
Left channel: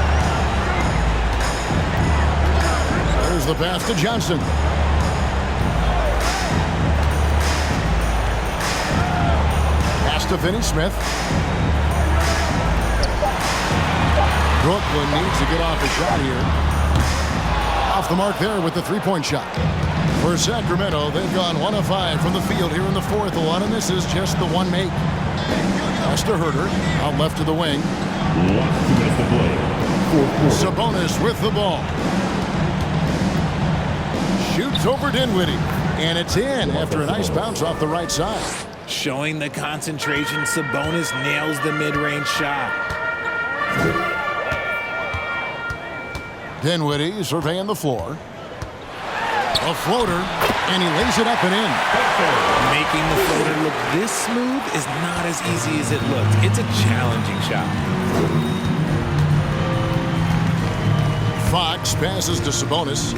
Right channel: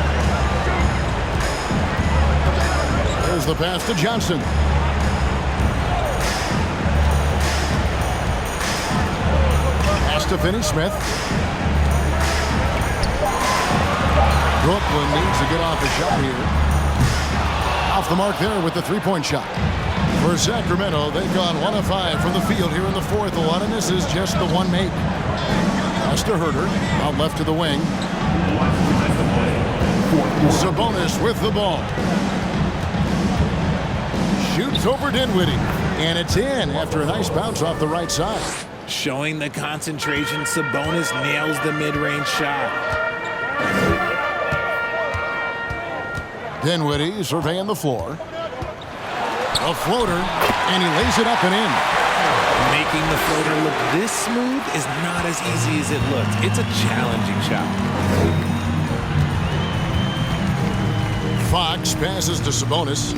There's the pass to Johnson. to Finney Smith. Brooklyn needs to get off a shot here. Off the mark there with the three-point shot. For Sacramento, they've gone 1 of 5 from the field here in the fourth. A lot of this is just the one make. Pass to Herter, out left to the wing. Sabonis with the ball. Shoots over Dinwiddie, and it's in after a nice bounce off the right side. Showing the concentration, Sabonis nails the mid-range shot. Dinwiddie surveying the floor. A floater, and he lays it up and in. Making the floater look this smooth is not as easy as it looks. It's a challenging shot. Fox passes to Sabonis.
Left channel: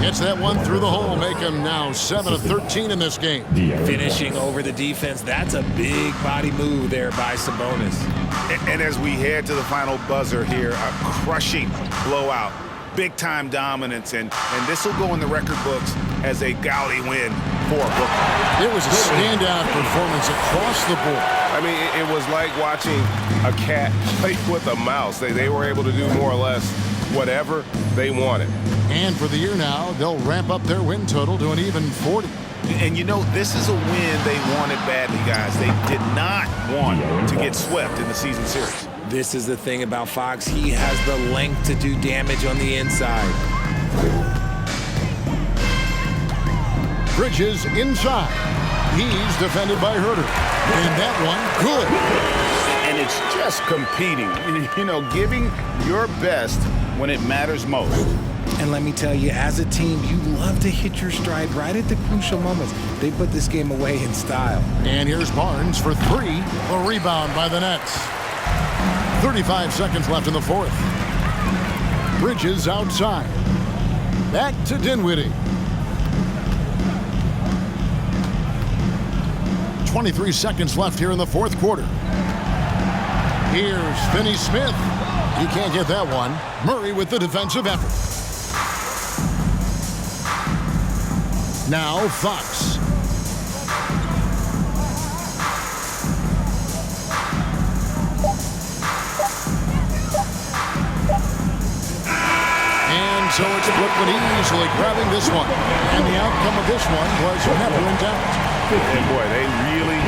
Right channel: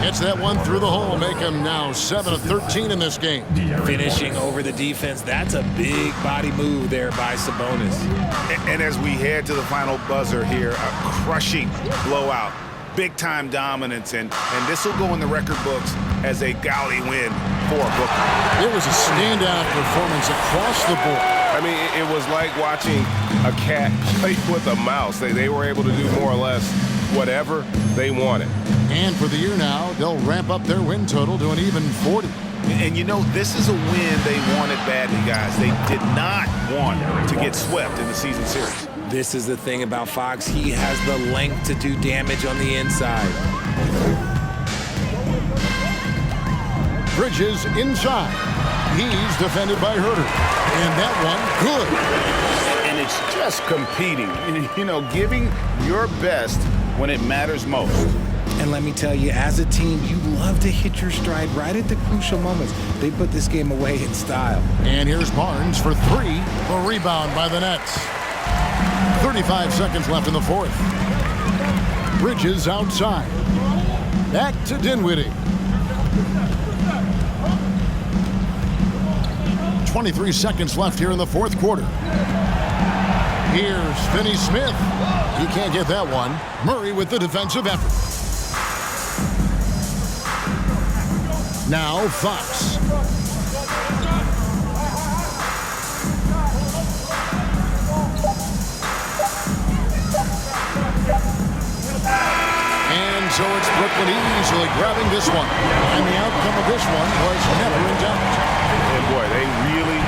Gets that one through the hole, make him now 7 of 13 in this game. Finishing over the defense, that's a big body move there by Sabonis. And as we head to the final buzzer here, a crushing blowout, big-time dominance, and this will go in the record books as a gaudy win for Brooklyn. It was a standout performance across the board. I mean, it was like watching a cat play with a mouse. They were able to do more or less whatever they wanted. And for the year now, they'll ramp up their win total to an even 40. And you know, this is a win they wanted badly, guys. They did not want to get swept in the season series. This is the thing about Fox. He has the length to do damage on the inside. Bridges inside. He's defended by Herter. And that one, good. And it's just competing, you know, giving your best when it matters most. And let me tell you, as a team, you love to hit your stride right at the crucial moments. They put this game away in style. And here's Barnes for 3. A rebound by the Nets. 35 seconds left in the fourth. Bridges outside. Back to Dinwiddie. 23 seconds left here in the fourth quarter. Here's Finney Smith. He can't get that one. Murray with the defensive effort. Now Fox. And so it's Brooklyn easily grabbing this one. And the outcome of this one was never in doubt. And boy, they really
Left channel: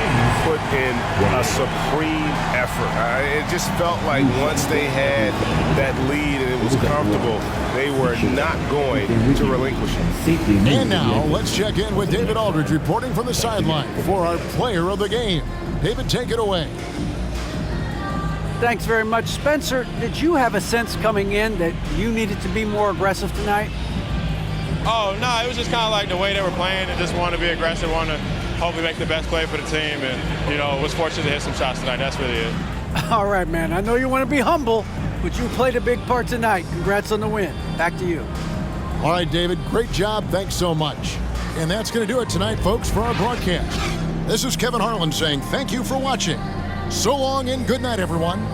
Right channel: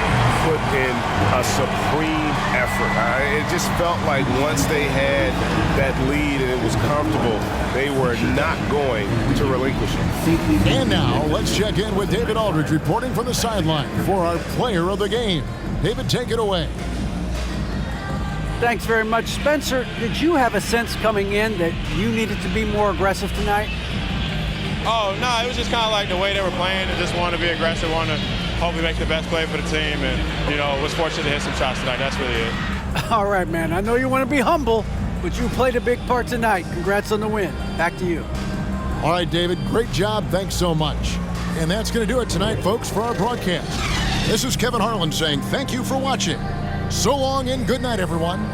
put in a supreme effort. It just felt like once they had that lead and it was comfortable, they were not going to relinquish it. And now let's check in with David Aldridge reporting from the sideline for our player of the game. David, take it away. Thanks very much, Spencer. Did you have a sense coming in that you needed to be more aggressive tonight? Oh, no, it was just kind of like the way they were playing and just wanted to be aggressive, wanted to hopefully make the best play for the team, and, you know, was fortunate to hit some shots tonight. That's really it. All right, man. I know you want to be humble, but you played a big part tonight. Congrats on the win. Back to you. All right, David, great job. Thanks so much. And that's going to do it tonight, folks, for our broadcast. This is Kevin Harlan saying thank you for watching. So long and good night, everyone.